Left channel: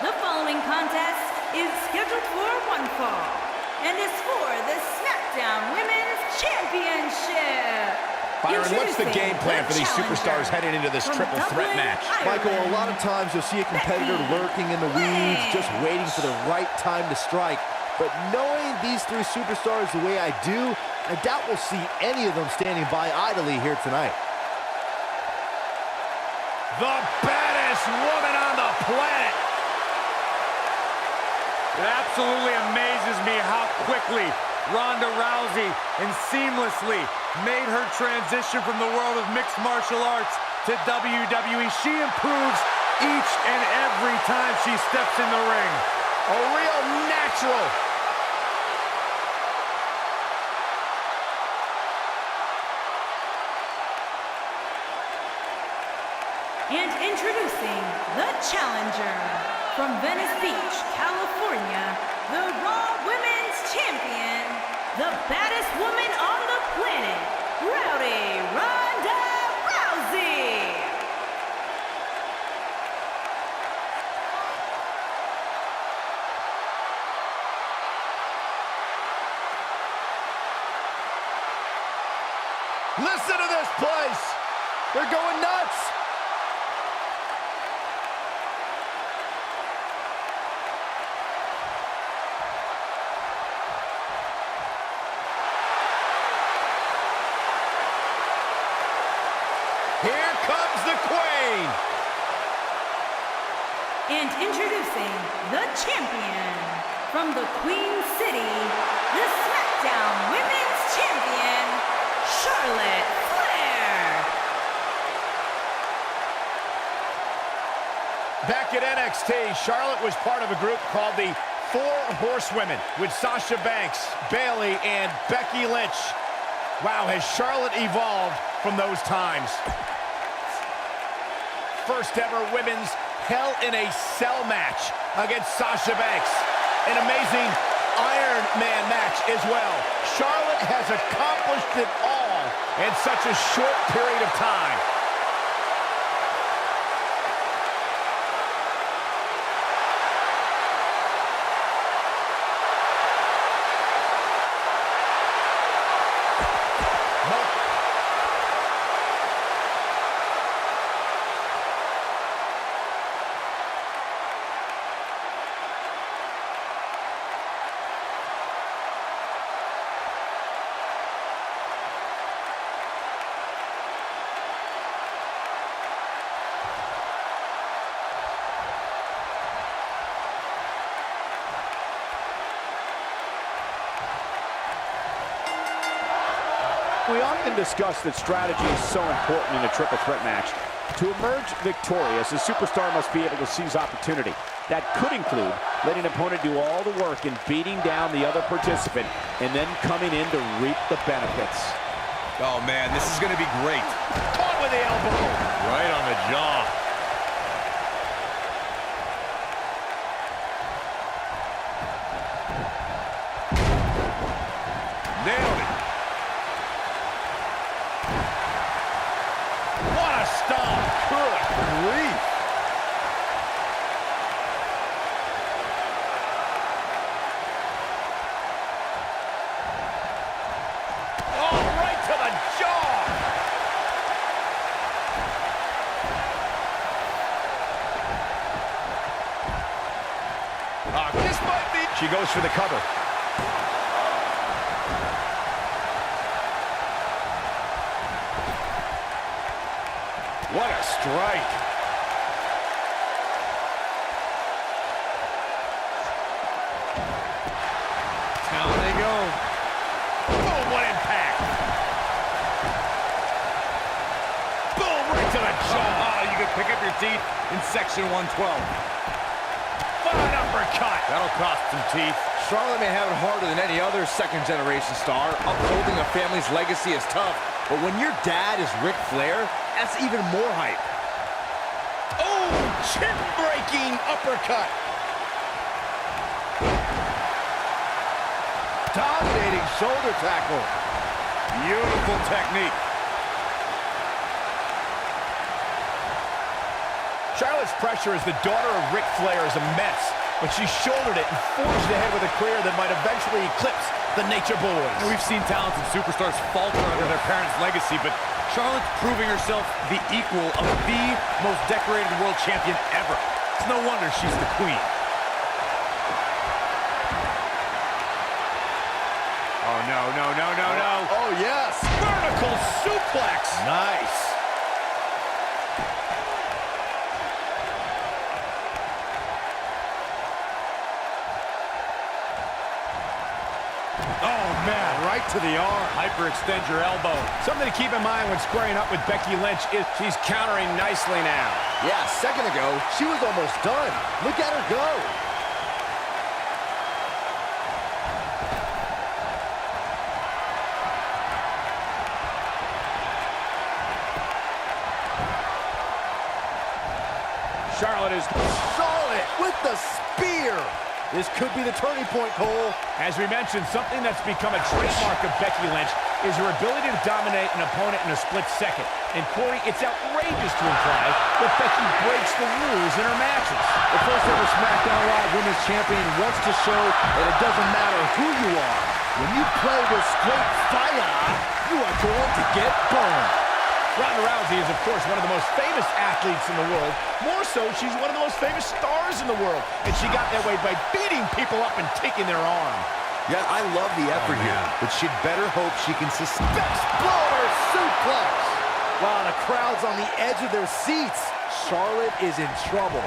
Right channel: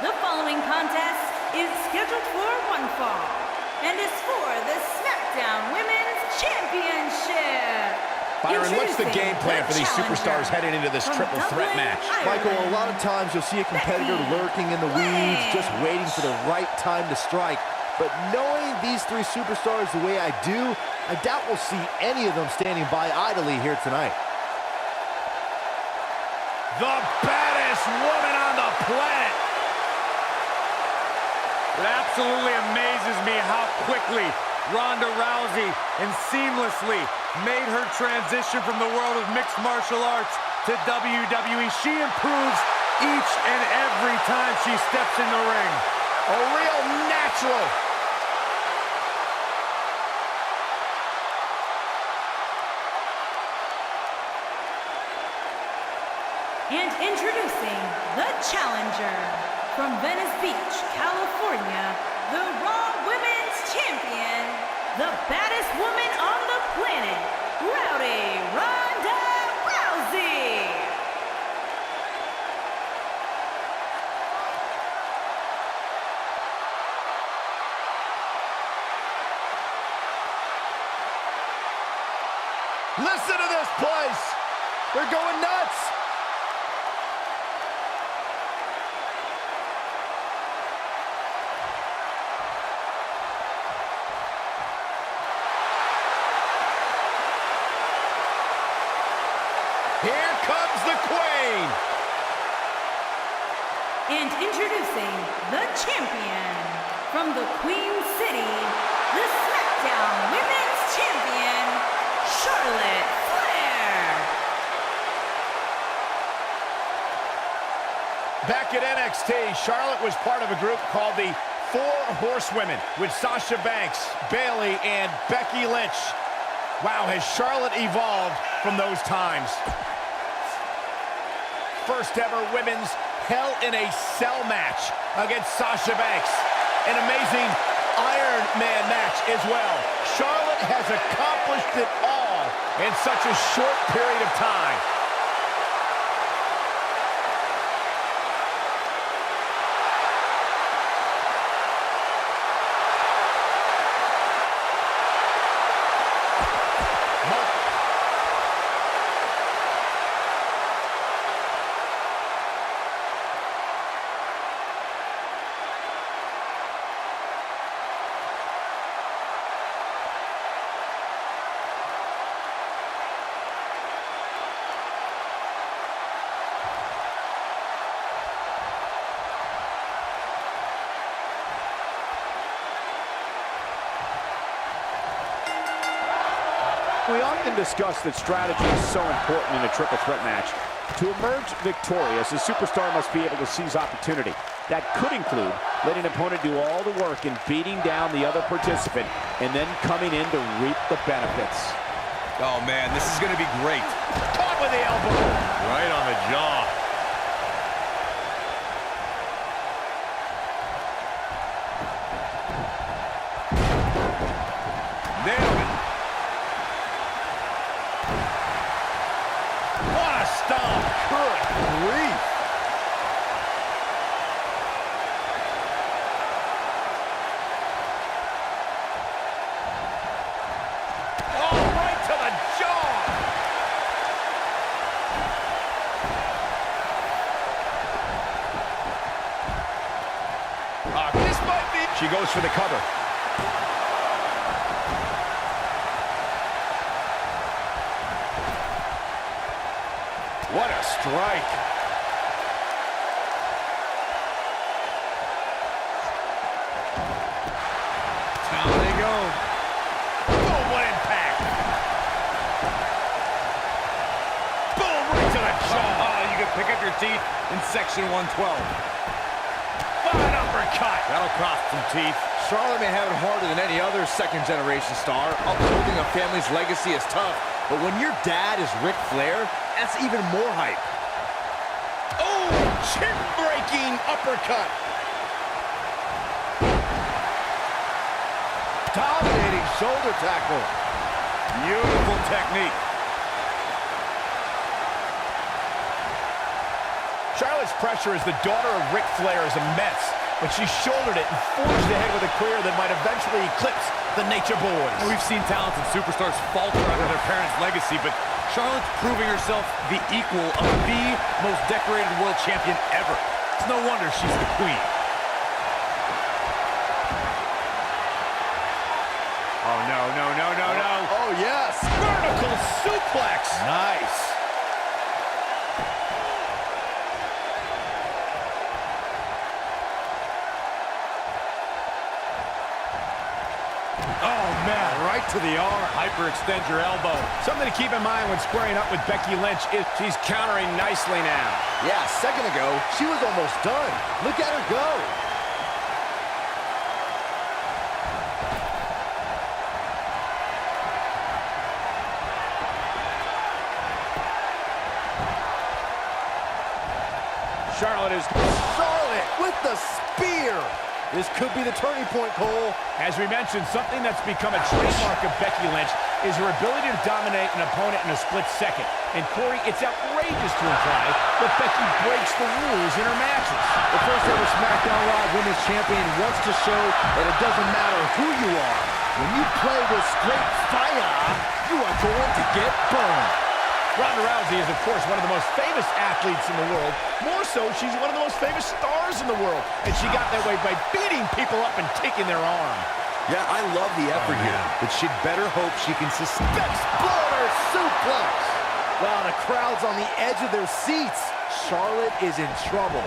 The following contest is scheduled for one fall and is for the SmackDown Women's Championship. Byron, what's the game plan for these superstars heading into this triple threat match? Michael, a lot of times you'll see a competitor lurking in the weeds, just waiting for the right time to strike. But knowing these three superstars the way I do, I doubt we'll see any of them standing by idly here tonight. The baddest woman on the planet. It absolutely amazes me how quickly Ronda Rousey and seamlessly made her transition from the world of mixed martial arts to WWE. She improves each and every time she steps in the ring. A real natural. And introducing the challenger from Venice Beach, California, the Raw Women's Champion, the baddest woman on the planet, Ronda Rousey. Listen to this place. They're going nuts. Here comes the Queen. And introducing the champion from the Queen City, the SmackDown Women's Champion, Charlotte Flair. Back at NXT, Charlotte was part of a group called the Four Horsewomen with Sasha Banks, Bayley, and Becky Lynch. Wow, has Charlotte evolved from those times. First ever women's Hell in a Cell match against Sasha Banks. An amazing Iron Man match as well. Charlotte has accomplished it all in such a short period of time. We often discuss that strategy is so important in a triple threat match. To emerge victorious, a superstar must be able to seize opportunity. That could include letting an opponent do all the work in beating down the other participant and then coming in to reap the benefits. Oh man, this is gonna be great. Caught with the elbow. Right on the jaw. Nailed it. What a stomp. Good grief. Oh, right to the jaw. This might be... She goes for the cover. What a strike. Down they go. Boom, what impact. Boom, right to the jaw. Oh, you could pick up your teeth in section 112. Fine uppercut. That'll cost some teeth. Charlotte may have it harder than any other second-generation star. Upholding a family's legacy is tough. But when your dad is Ric Flair, that's even more hype. Oh, chin-breaking uppercut. Dominating shoulder tackle. Beautiful technique. Charlotte's pressure as the daughter of Ric Flair is immense, but she shouldered it and forged ahead with a career that might eventually eclipse the Nature Boys. And we've seen talented superstars falter under their parents' legacy, but Charlotte's proving herself the equal of the most decorated world champion ever. It's no wonder she's the queen. Oh, no, no, no, no, no. Oh, yes. Vertical suplex. Nice. Oh, man, right to the arm. Hyperextend your elbow. Something to keep in mind when squaring up with Becky Lynch is she's countering nicely now. Yeah, a second ago, she was almost done. Look at her go. Charlotte with the spear. This could be the turning point, Cole. As we mentioned, something that's become a trademark of Becky Lynch is her ability to dominate an opponent in a split second. And Corey, it's outrageous to imply that Becky breaks the rules in her matches. The first ever SmackDown Live Women's Champion wants to show that it doesn't matter who you are. When you play with straight fire, you are going to get burned. Ronda Rousey is, of course, one of the most famous athletes in the world. More so, she's one of the most famous stars in the world. And she got that way by beating people up and taking their arm. Yeah, I love the effort here, but she'd better hope she can sustain. Exploder suplex. Wow, the crowd's on the edge of their seats. Charlotte is in trouble.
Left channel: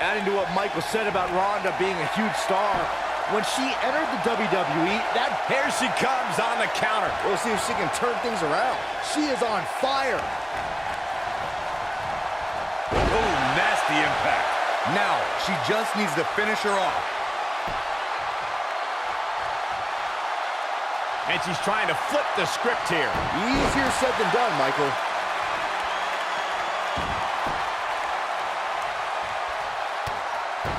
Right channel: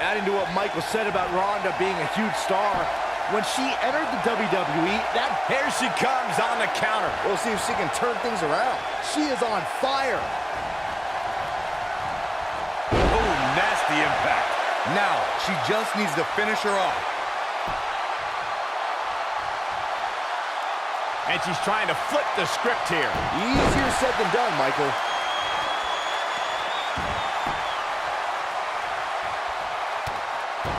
Adding to what Michael said about Ronda being a huge star, when she entered the WWE, Here she comes on the counter. we'll see if she can turn things around. She is on fire. Oh, nasty impact. Now, she just needs to finish her off. And she's trying to flip the script here. Easier said than done, Michael.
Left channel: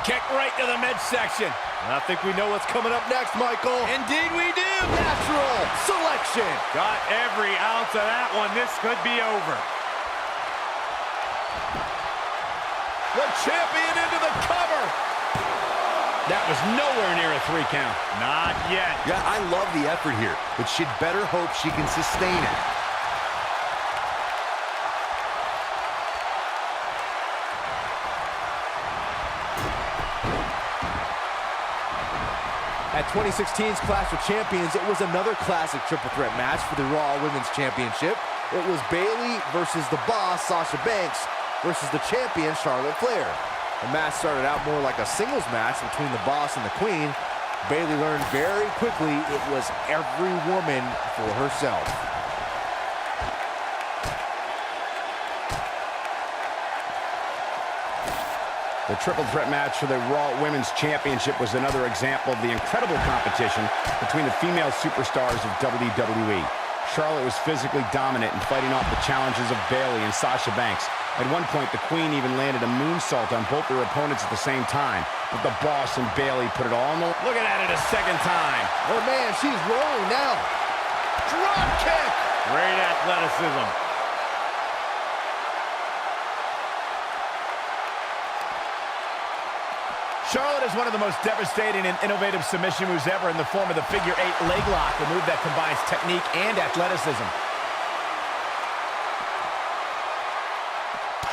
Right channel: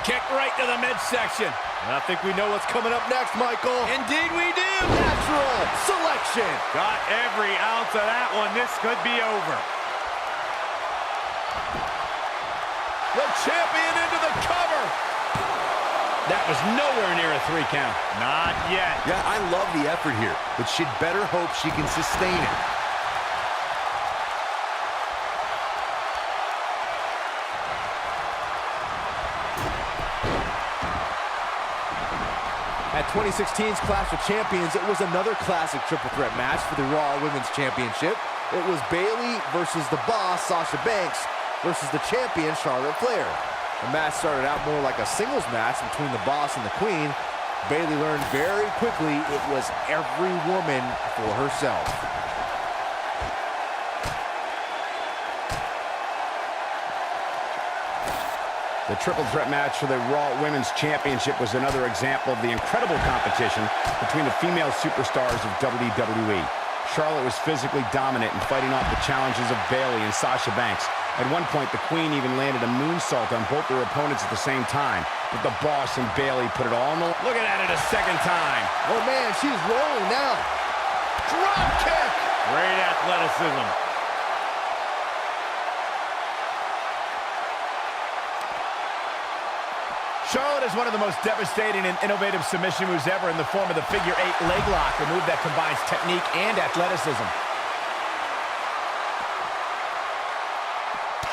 Kick right to the midsection. I think we know what's coming up next, Michael. Indeed we do. Natural selection. Got every ounce of that one. This could be over. The champion into the cover. That was nowhere near a 3 count. Not yet. Yeah, I love the effort here, but she'd better hope she can sustain it. At 2016's Clash of Champions, it was another classic triple threat match for the Raw Women's Championship. It was Bayley versus the boss, Sasha Banks, versus the champion, Charlotte Flair. The match started out more like a singles match between the boss and the queen. Bayley learned very quickly it was every woman for herself. The triple threat match for the Raw Women's Championship was another example of the incredible competition between the female superstars of WWE. Charlotte was physically dominant and fighting off the challenges of Bayley and Sasha Banks. At one point, the Queen even landed a moonsault on both their opponents at the same time. But the boss and Bayley put it all in the... Looking at it a second time. Oh man, she's rolling now. Drop kick! Great athleticism. Charlotte is one of the most devastating and innovative submission moves ever in the form of the figure 8 leg lock, a move that combines technique and athleticism.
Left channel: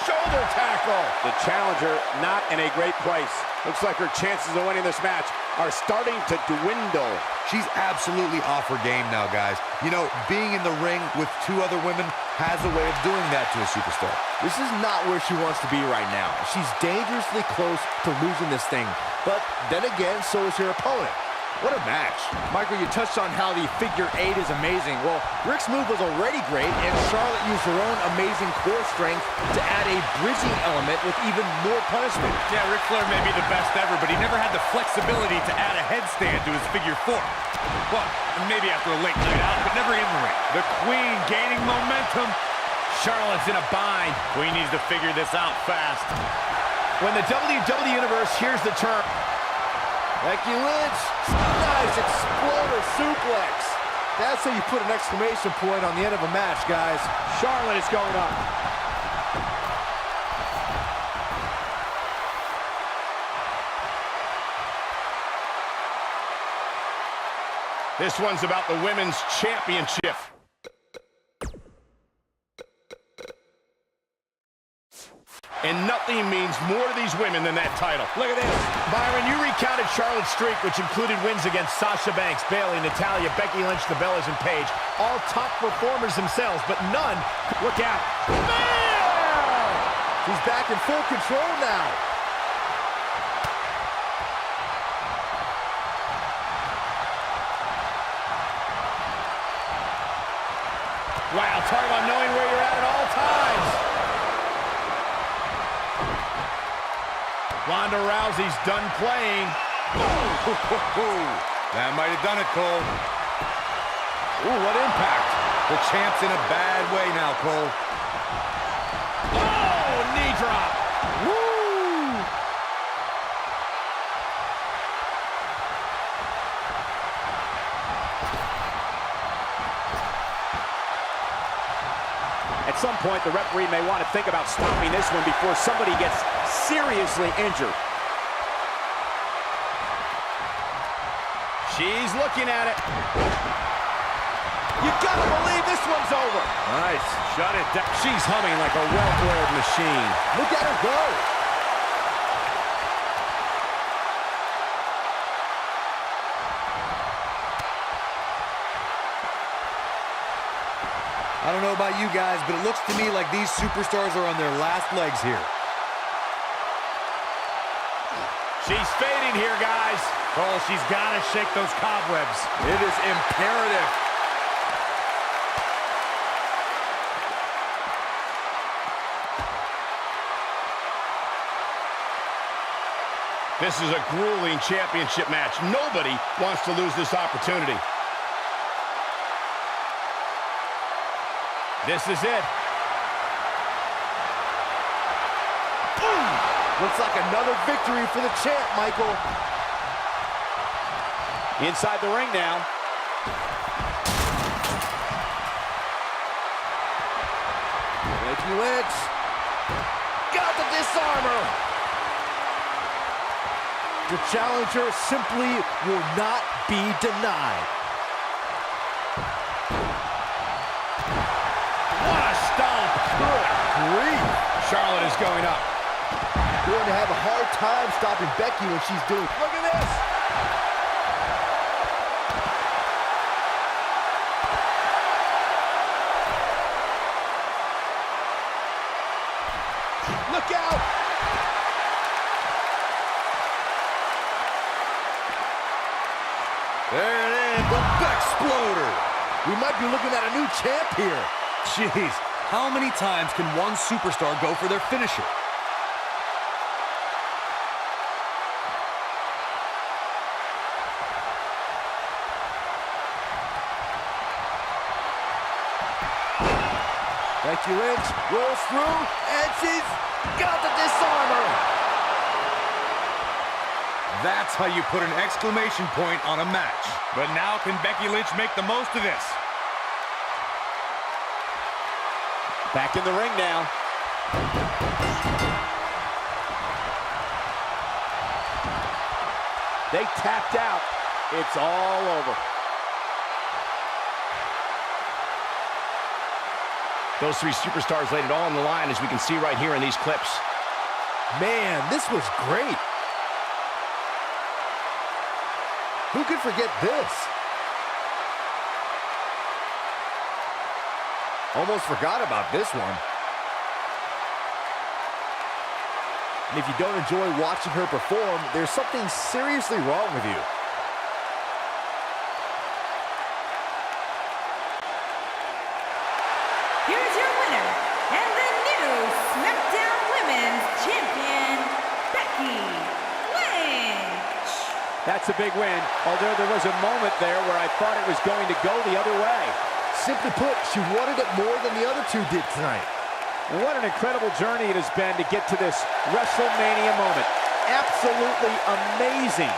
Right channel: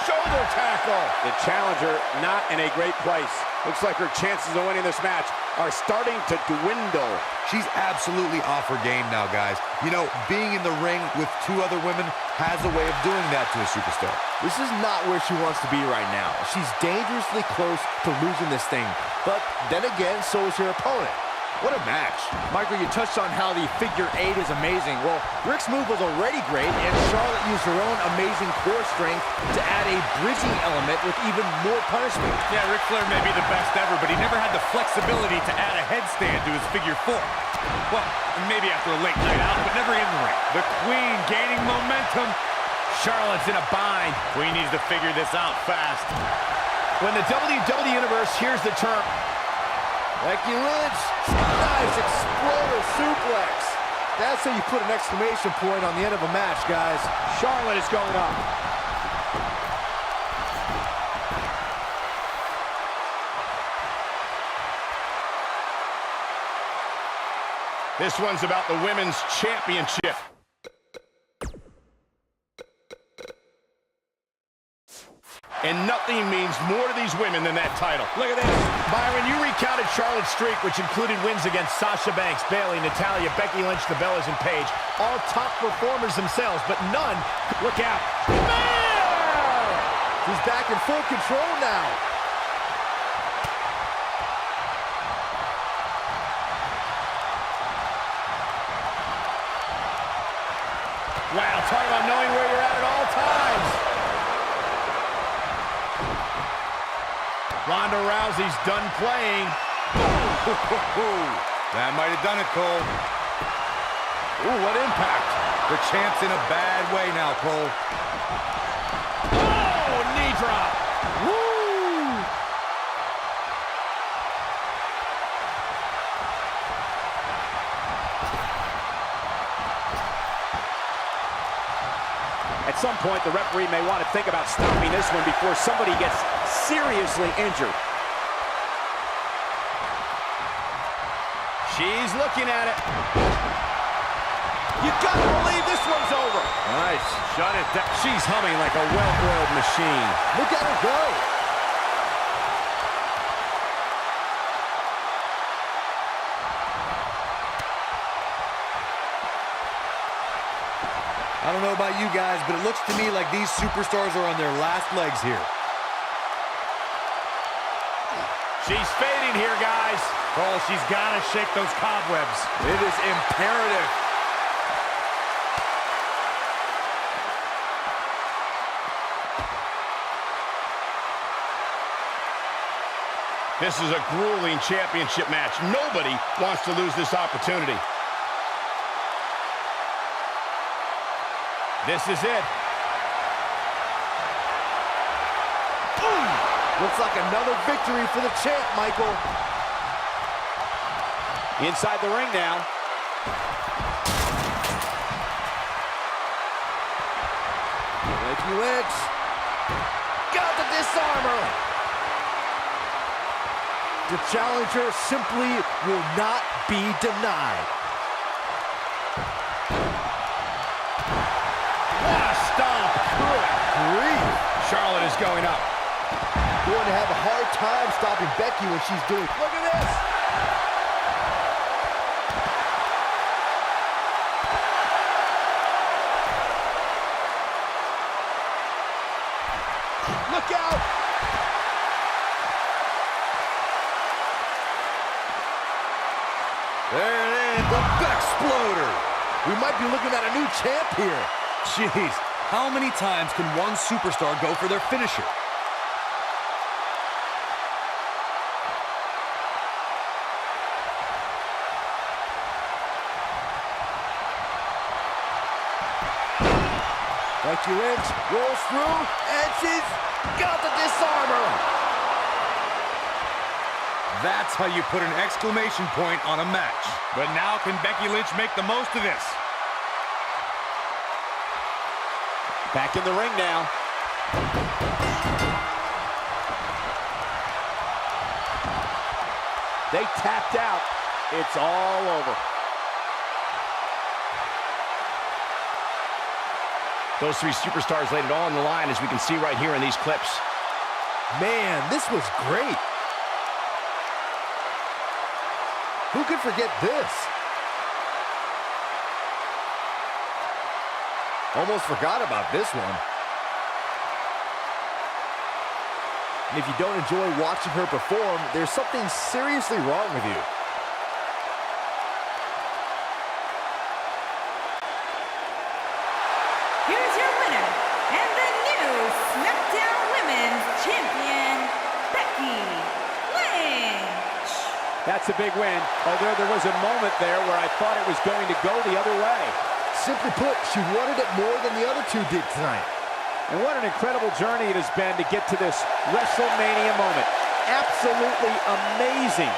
Shoulder tackle. The challenger not in a great place. Looks like her chances of winning this match are starting to dwindle. She's absolutely off her game now, guys. You know, being in the ring with 2 other women has a way of doing that to a superstar. This is not where she wants to be right now. She's dangerously close to losing this thing. But then again, so is her opponent. What a match. Michael, you touched on how the figure 8 is amazing. Well, Ric's move was already great, and Charlotte used her own amazing core strength to add a bridging element with even more punishment. Yeah, Ric Flair may be the best ever, but he never had the flexibility to add a headstand to his figure 4. Well, maybe after a late night out, but never in the ring. The Queen gaining momentum. Charlotte's in a bind. Queen needs to figure this out fast. When the WWE Universe hears the term... Becky Lynch, nice exploder suplex. That's how you put an exclamation point on the end of a match, guys. Charlotte is going up. This one's about the Women's Championship. And nothing means more to these women than that title. Look at this. Byron, you recounted Charlotte's streak, which included wins against Sasha Banks, Bayley, Natalya, Becky Lynch, the Bellas, and Paige. All top performers themselves, but none. Look out. Flair! She's back in full control now. Wow, talk about knowing where you're at all times. Ronda Rousey's done playing. That might have done it, Cole. Ooh, what impact. The champ's in a bad way now, Cole. Oh, knee drop. Woo! At some point, the referee may want to think about stopping this one before somebody gets seriously injured. She's looking at it. You gotta believe this one's over. Nice. Shut it down. She's humming like a well-oiled machine. Look at her go. I don't know about you guys, but it looks to me like these superstars are on their last legs here. She's fading here, guys. Cole, she's got to shake those cobwebs. It is imperative. This is a grueling championship match. Nobody wants to lose this opportunity. This is it. Boom! Looks like another victory for the champ, Michael. Inside the ring now. Becky Lynch. Got the disarmer. The challenger simply will not be denied. What a stomp. Good grief. Charlotte is going up. Going to have a hard time stopping Becky when she's doing. Look at this. Look out. There it is, the Bexploder. We might be looking at a new champ here. Jeez, how many times can one superstar go for their finisher? Becky Lynch rolls through, and she's got the disarmer. That's how you put an exclamation point on a match. But now can Becky Lynch make the most of this? Back in the ring now. They tapped out. It's all over. Those three superstars laid it all on the line, as we can see right here in these clips. Man, this was great. Who could forget this? Almost forgot about this one. And if you don't enjoy watching her perform, there's something seriously wrong with you. Here's your winner, and the new SmackDown Women's Champion, Becky Lynch. That's a big win, although there was a moment there where I thought it was going to go the other way. Simply put, she wanted it more than the other two did tonight. And what an incredible journey it has been to get to this WrestleMania moment. Absolutely amazing.